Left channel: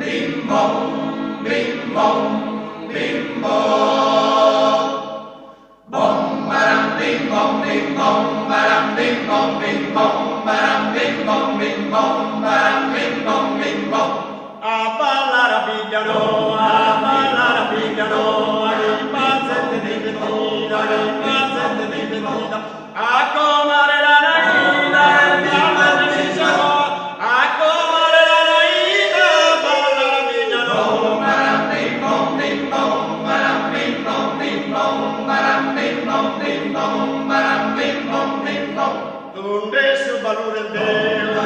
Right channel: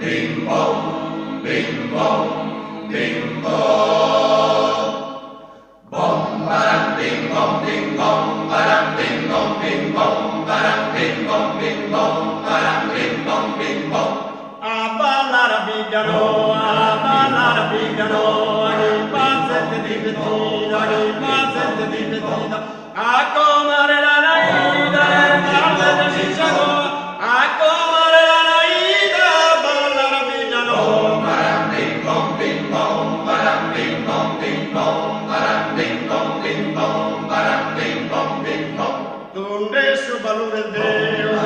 bing bong, bing bong, bing bong. Bong barang bing bong, bing bong, barang bing bong, bing bong, barang bing bong, bing bong, barang bing bong, bing bong. A ballare abbigliano, di pazzette di vestita, a comare la naida, balle si sagò, a comare la naida, ballare abbigliano. Barang bing bong, bing bong, barang bing bong, bing bong, barang bing bong, bing bong, barang bing bong, bing bong. Donde su valore Deo,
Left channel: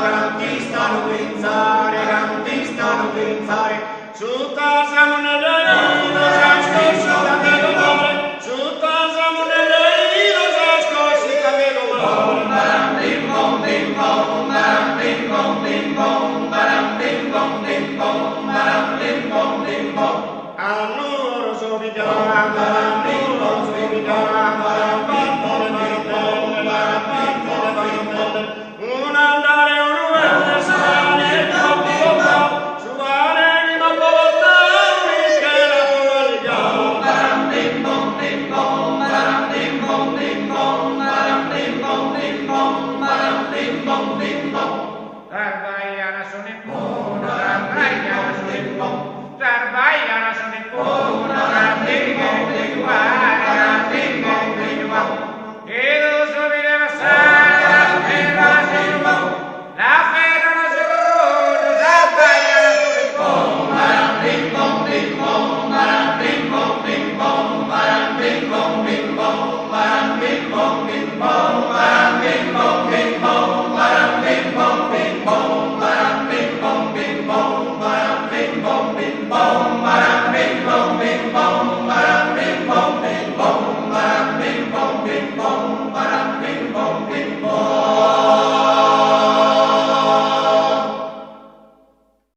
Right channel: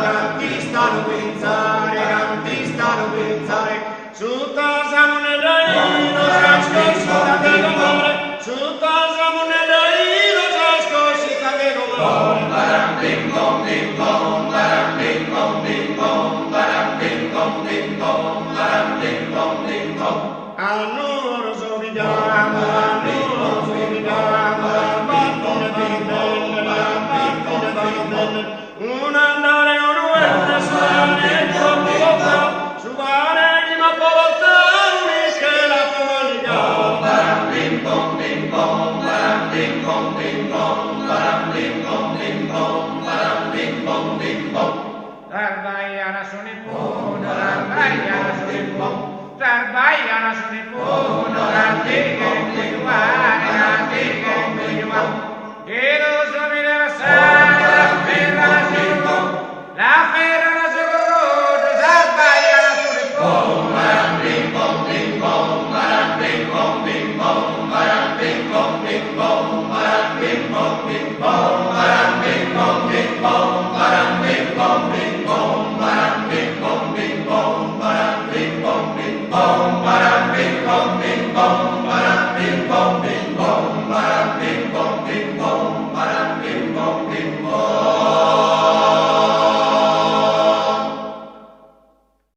canti stanno pensare, su tasamo nell'aino, s'ascoscita che comare, su tasamo nell'aino, s'ascoscita che comare. Barang bing bong, bing bong, barang bing bong, bing bong, barang bing bong, bing bong, barang bing bong, bing bong. Annoro somigliamo, partite vanno bene, un andare e un uente, su anima povolta, un'inchera pomanica. Barang bing bong, bing bong, barang bing bong, bing bong, barang bing bong, bing bong, barang bing bong, bing bong. Zarbaiana sunipuno, zarbaiana sunipuno, zarbaiana sunipuno, gastiga in guiduare, gastiga in guiduare. Chiedo subito passare, la ferra la seguruto, zarbaiana sunipuno. Barang bing bong, bing bong, barang bing bong, bing bong, barang bing bong, bing bong, barang bing bong, bing bong, barang bing bong, bing bong, barang bing bong, bing bong, barang bing bong, bing bong, barang bing bong, bing bong, barang bing bong, bing bong, barang bing bong, bing bong.